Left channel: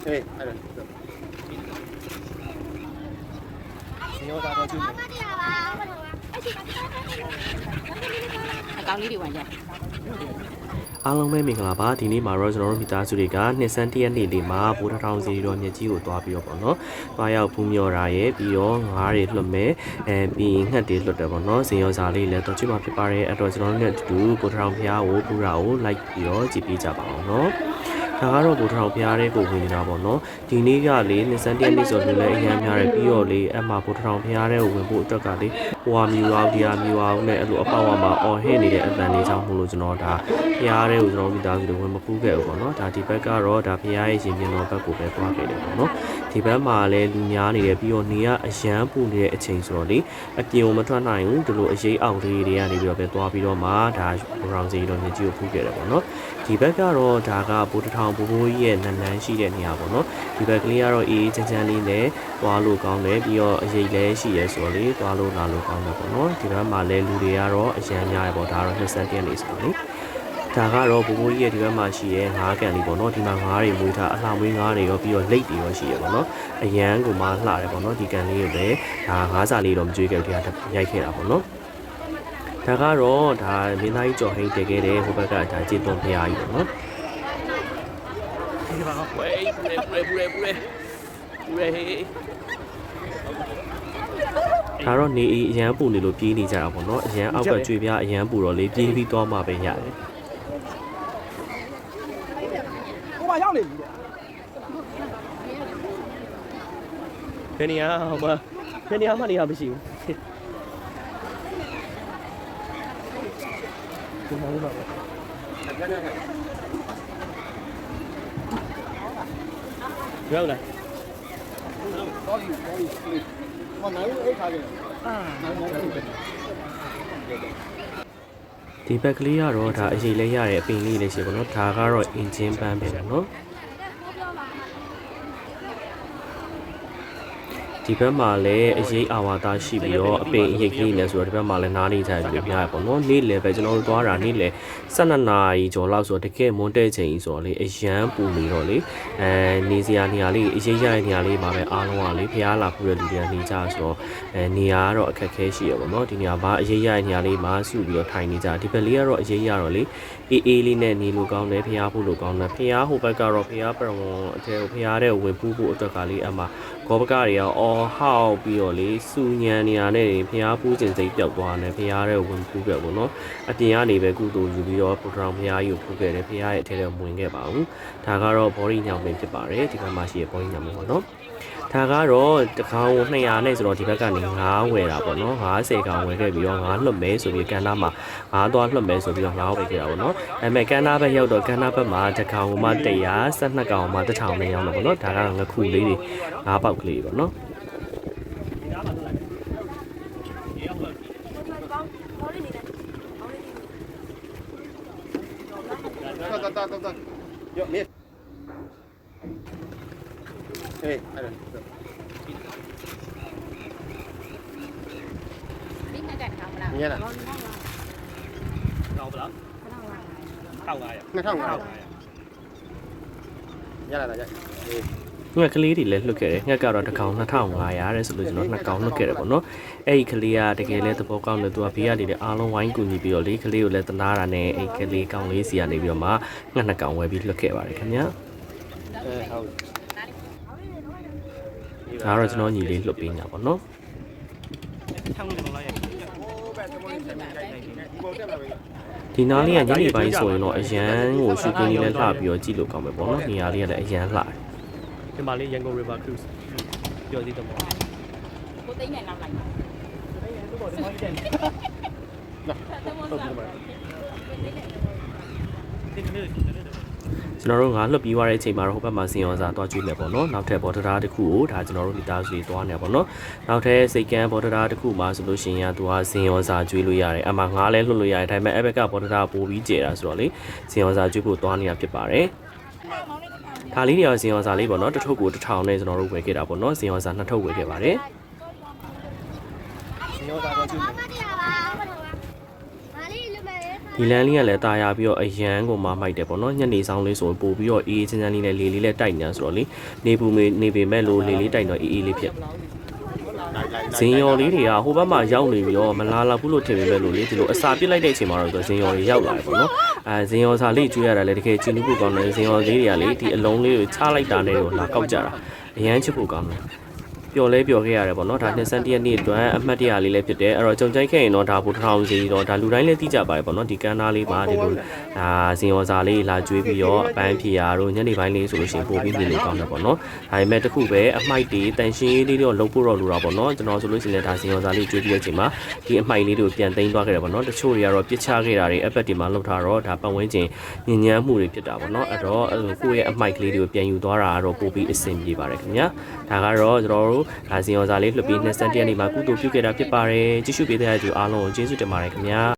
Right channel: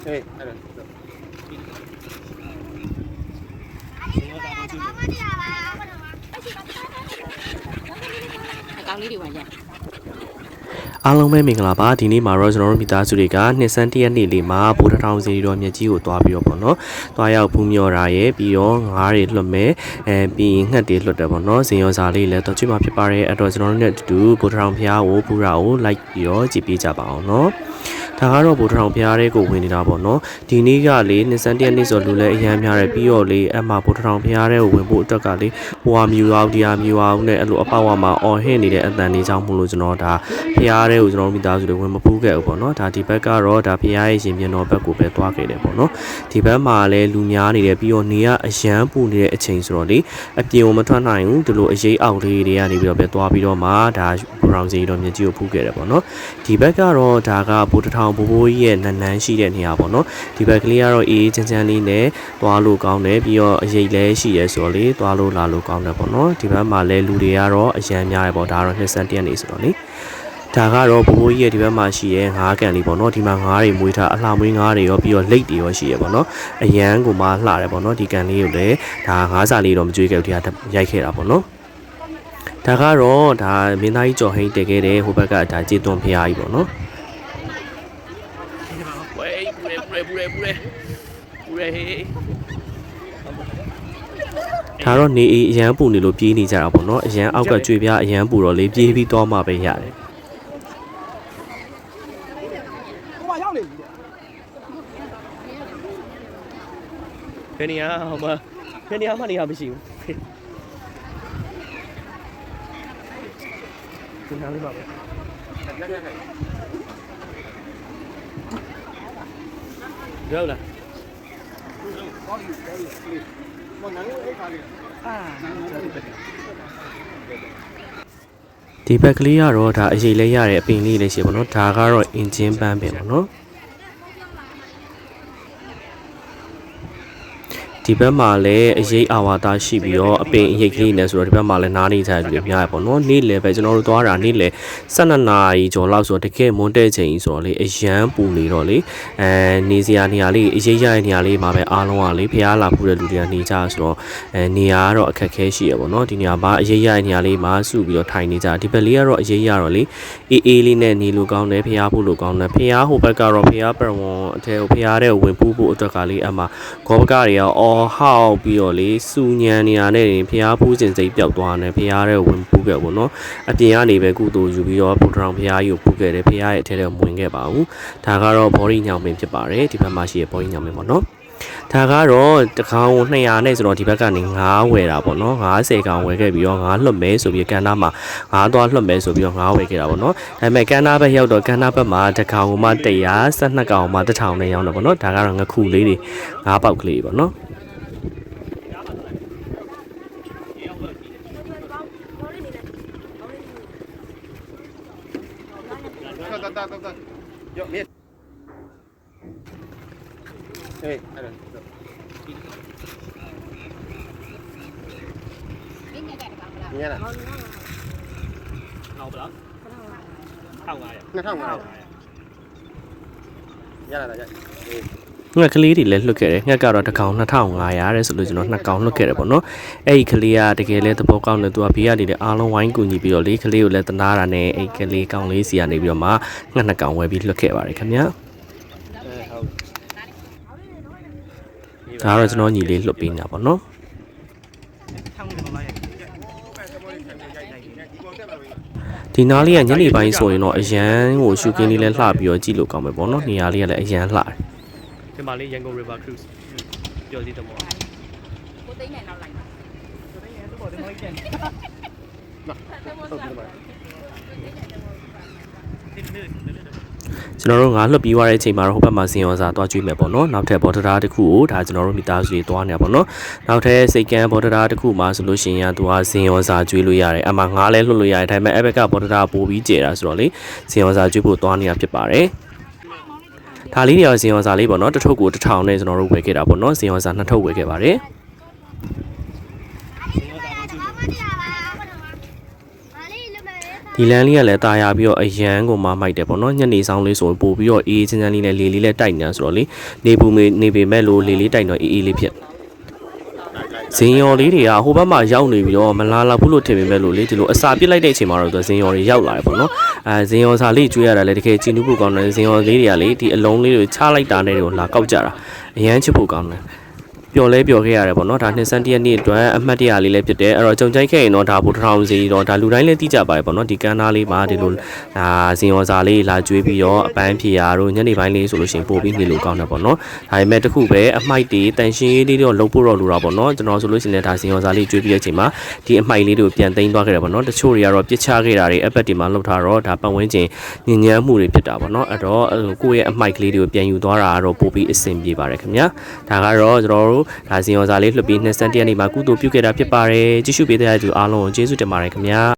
Hey, ada. Sini kita mau cuci. ကောင်းလေးတွေဝင်ရ အားလုံးပဲမင်္ဂလာပါဒီနေ့မှာတော့ကျွန်တော်တို့မိသားစုတွေကနှစ်ဆန်းတရက်နေ့လေးမှာဘူထထောင်စီတော်မြစ်ကြီးကိုတွားပြီးတော့ပေါ့နော်တွားရောက်ဖူးမြော်တာရဲ့ပြီးတော့ငါးတွေလွတ်မဲ့ပြီးငှက်တွေလွတ်တယ်ပေါ့နော်ဇင်ရောစာလေးလည်းတော့ကြည့်မှာဖြစ်ပါတယ်အဲ့တော့ကျွန်တော်တို့နဲ့အတူဘူထထောင်ဖျားကိုပူရာကိုလိုက်ပြီးတော့ကြည့်ပေးကြပါအောင်နော်ဒါကတော့ဘူထထောင်ဖျားတဲ့ကိုဝင်နေတာပေါ့နော်ဒီနေ့ကလေနှစ်ဆန်းတရက်နေ့ဆိုလူလည်းအများများတယ်ပြီးတော့လေအမှဘူထထောင်ဖျားတဲ့ကိုဝင်ဖို့အတွက်ကလေဟိုဟာမြူအောင်ဒီဟာမြူအောင်နဲ့အဲ့လိုအပေါက်ဝါမှာအော်ဟစ်နေတဲ့အတန်လေးကြောင့်မို့လို့ကျွန်တော်ဒါဖျားတဲ့ကိုကျွန်တော်မိသားစုတွေဝင်မပူးခဲ့ဘူးပေါ့နော်ဒါဒီဘက်ကတော့ဒါဖျားရဲ့ရှင်ပြန်တော်ဘက်ကိုပဲသွားခဲ့တယ်ပေါ့နော်ဒီဘက်မှာလည်းလူများနေတယ်ပြီးတော့နေကအရန်ပူနေတဲ့အချိန်ဆိုတော့လေအပြင်ကိုမထွက်နိုင်ဘူးဒီလိုအရေးအောက်လေးတွေကနေပြီးတော့ပဲသွားပြီးတော့မှဒါဘရောင်စီတော်မြစ်ကြီးကိုဖူးခဲ့တယ်ပေါ့နော်ဒီဘက်ကတော့ဒါကဘူတထောင်ဘိုးဘိုးကြီးရဲ့နန်းနန်းရှိတဲ့နေရာပေါ့နော်ဒီဘက်ကလေးကတော့အေးချမ်းချမ်းလေးနဲ့သွားလို့ကောင်းတယ်ပြီးတော့အရေးလည်းရှိရဲဆိုတော့လေသွားလို့လာလို့ကောင်းတယ်ပေါ့နော်ဒီဘက်မှာလည်းလူတွေကတော့အရန်များတယ်ပေါ့ဒါကတော့နှစ်ဆန်းတရက်နေဆိုတော့လေဒါကတော့ဘိုးဘိုးကြီးရဲ့ဒီဘက်မှာရှိရဲငါးကန်လေးပေါ့နော်ဒီမှာငါးတွေမွေးထားအလှမွေးငါးတွေရောပြီးတော့လိတ်တွေရောရှိရဲပေါ့နော်အရန်ကိုမှလှတယ်ပေါ့နော်ဒီကန်လေးကိုလည်းဒါငါးစာလေးတော့မကြွေးခဲ့ဘူးဒီကရိုက်ခဲ့တာပေါ့နော်ဒါကတော့ဒါမင်းသားကြီးကျော်ဟိန်းတည်ခဲ့တဲ့ဟိုဘက်ကဒါကျေသွန်ဖျားကြီးပေါ့နော်ဒါတော့နေအရန်ပူနေလို့ပြေးနေကြတာပေါ့နော်အရန်အောက်ကကြွေပြအရန်ပူတော့လေပြေးပြီးသွားမှပဲရတယ်ဘယ်နေရာဟောမဘယ်နေရာမှနေရာမရှိဘူးဒီနားလေးပါပဲရောက်လာဒီဘက်ကလေးကတော့ဒါအရေးလေးရတဲ့အပင်လေးလေးရှိပါတော့ဒါကတော့အင်ဂျင်ပန်းပဲနော်ဒီဘက်မှာလည်းအရေးအာဝါဒရှိပြီးတော့အပင်အရေးကြီးနေဆိုတော့ဒီဘက်မှာလည်းနားနေကြတယ်ပြရပေါ့နော်နေ့လယ်ပဲကျွန်တော်တို့သွားတာနေ့လယ်12နာရီကျော်လောက်ဆိုတော့တကယ်မွန်းတဲ့ချိန်ဆိုတော့လေအရန်ပူနေတော့လေနေစရာနေရာလေးအရေးရတဲ့နေရာလေးမှာပဲအားလုံးကလေဖျားလာဖို့တဲ့လူတွေကနေကြဆိုတော့နေရာကတော့အခက်ခဲရှိရပေါ့နော်ဒီနေရာမှာအရေးရတဲ့နေရာလေးမှာစုပြီးတော့ထိုင်နေကြဒီဘက်လေးကတော့အရေးရတော့လေအေးအေးလေးနဲ့နေလို့ကောင်းတယ်ဖျားဖို့လို့ကောင်းတယ်ဖျားဟိုဘက်ကတော့ဖျားပရဝွန်အထဲကိုဖျားတဲ့ဝင်ပူးဖို့အတွက်ကလေးအမှဂောဘကတွေရောဟောက်ပြီးတော့လေစူညံနေရတဲ့ဖျားဖူးစင်စိတ်ပျောက်သွားတယ်ဖျားတဲ့ဝင်ပူးခဲ့ပေါ့နော်အပြင်ကနေပဲကုသိုလ်ယူပြီးတော့ဘူထထောင်ဖျားကြီးကိုပူးခဲ့တယ်ဖျားရဲ့အထဲထဲဝင်ခဲ့ပါဘူးဒါကတော့ဘော်ရီညောင်ပင်ဖြစ်ပါတယ်ဒီဘက်မှာရှိတဲ့ဘော်ရီညောင်ပင်ပေါ့နော်ဒါကတော့တကောင်200နဲ့ဆိုတော့ဒီဘက်ကနေ9ဝယ်တာပေါ့နော်90ကောင်ဝယ်ခဲ့ပြီးတော့9လွတ်မဲဆိုပြီးကန်နာမှာ9သွားလွတ်မဲဆိုပြီးတော့9ဝယ်ခဲ့တာပေါ့နော်ဒါပေမဲ့ကန်နာဘက်ရောက်တော့ကန်နာဘက်မှာတကောင်မှ100 12ကောင်မှ1000နဲ့ရောက်တော့ပေါ့နော်ဒါကတော့ငခုလေးတွေ9ပေါက်ကလေးပေါ့နော်Hey, ada. ဒီမြက်ကတခါမလား Nghe nè. 2,500. Nghe là vậy. ငှက်ကလေးတွေလည်းလွတ်ခဲ့တယ်ငှက်ကတော့တစ်ကောင်2500တဲ့ဆိုလို့ကျွန်တော်2ကောင်လွတ်ခဲ့တယ်ပေါ့နော်အဲ့ဒီကလေးကတကယ်လဲသဘောကောင်းတယ်သူကဘေးကနေလည်းအားလုံးဝိုင်းကူညီပြီးတော့လေကလေးကိုလည်းတနာတာနဲ့အဲ့ကလေးကောင်လေးစီကနေပြီးတော့မှငှက်2ကောင်ဝယ်ပြီးလွတ်ခဲ့ပါတယ်ခင်ဗျာဒါတော့ကျွန်တော်ညီလေးလွတ်ပေးနေတာပေါ့နော်ဒီနားလေးကညနေပိုင်းဆိုရင်တော့အရန်ကိုရှူကင်းလေးလည်းလှပြီးတော့ကြည့်လို့ကောင်းမယ်ပေါ့နော်နေရာလေးကလည်းအရန်လှတယ်ဒီမှာလေးရန်ကုန် River Cruise ပြောသေးတယ်ပေါ့ကိုသိမ်းမယ်နောက်လိုက်ပါကိုသိမ်းရင်သူ့ဘော်ဒီမော်ကြီးတယ်ကျွန်တော်တို့ငါလွတ်ပြီးသွားတဲ့အချိန်မှာတော့ဟိုဘက်မှာဇင်ရောစာသွားကြည့်မယ်ပေါ့နော်နောက်ထပ်ဘော်ဒရာတစ်ခုကိုဒါကျွန်တော်တို့မိသားစုတွေသွားနေပါပေါ့နော်နောက်ထပ်စိတ်ကန်းဘော်ဒရာတစ်ခုမှာဆိုလို့ရှိရင်သူကဇင်ရောစာကျွေးလို့ရတယ်အမှငါလည်းလွတ်လို့ရတယ်ဒါပေမဲ့အဲ့ဘက်ကဘော်ဒရာပို့ပြီးကျဲတာဆိုတော့လေဇင်ရောစာကျွေးဖို့သွားနေတာဖြစ်ပါတယ်ဒါလေးတွေရောဇင်ရောစာလေးပေါ့နော်တစ်ထုပ်ကို1000နဲ့ကျွန်တော်တို့ဝယ်ခဲ့တာပေါ့နော်ဇင်ရောစာ2ထုပ်ဝယ်ခဲ့ပါတယ်ဒီ ဒီလမ်းလေးကလည်းတာယာပြီးတော့အရန်ကိုမှမိုက်တယ်ပေါ့နော်ညနေဆောင်လေးဆိုပို့ပြီးတော့အေးချမ်းချမ်းလေးနဲ့လေလေးလည်းတိုက်နေဆိုတော့လေနေပူနေပေမဲ့လို့လေလေးတိုက်တော့အေးလေးဖြစ်ဇင်ယော်လေးတွေကဟိုဘက်မှာရောက်နေပြီးတော့မလာလောက်ဘူးလို့ထင်ပေမဲ့လို့လေဒီလိုအစာပစ်လိုက်တဲ့အချိန်မှာတော့ဇင်ယော်တွေရောက်လာတယ်ပေါ့နော်ဇင်ယော်စာလေးကျွေးရတာလည်းတကယ်ကြည်နူးဖို့ကောင်းတယ်ဇင်ယော်လေးတွေကလေဒီအလုံးလေးတွေချလိုက်တာနဲ့တော့လာကောက်ကြတာအရန်ချစ်ဖို့ကောင်းတယ်ပျော်လဲပျော်ခဲ့ရတယ်ပေါ့နော်ဒါနှစ်ဆန်းတရက်နေ့အတွက်အမှတ်တရလေးလည်းဖြစ်တယ်အဲ့တော့ကြုံကြိုက်ခဲ့ရင်တော့ဒါဘူထောင်စီတော့ဒါလူတိုင်းလည်းသိကြပါတယ်ပေါ့နော်ဒီကန်းသားလေးမှာဒီလိုဒါဇင်ယောစာလေးလာကျွေးပြီးတော့အပန်းဖြေရာတို့ညနေပိုင်းလေးဆိုလို့ရှိရင်ပို့ပြီးနေလို့ကောင်းတယ်ပေါ့နော်ဒါပေမဲ့တခုပဲအမိုက်တွေတန်ရှင်းရေးလေးတော့လုံးဖို့တော့လိုတာပေါ့နော်ကျွန်တော်ဆိုလို့ရှိရင်ဒါဇင်ယောစာလေးကျွေးပြီးတဲ့အချိန်မှာဒီအမိုက်လေးတွေကိုပြန်သိမ်းသွားခဲ့တယ်ပေါ့နော်တချို့တွေကတော့ပြစ်ချခဲ့တာတွေအပတ်တွေမှာလှုပ်ထားတော့ဒါပတ်ဝန်းကျင်ညဉ့်ညမ်းမှုတွေဖြစ်တာပေါ့နော်အဲ့တော့ကိုယ့်ရဲ့အမိုက်ကလေးတွေကိုပြန်ယူသွားတာကတော့ပို့ပြီးအဆင်ပြေပါတယ်ခင်ဗျာဒါကတော့ကျွန်တော်တို့ဒါဇင်ယောစာလေးလှုပ်ပြီးနှစ်ဆန်းတရက်နေ့မှာကုသိုလ်ပြုခဲ့တာဖြစ်ပါတယ်ကြည့်ရှုပေးတဲ့သူအားလုံးကိုကျေးဇူးတင်ပါတယ်ခင်ဗျာ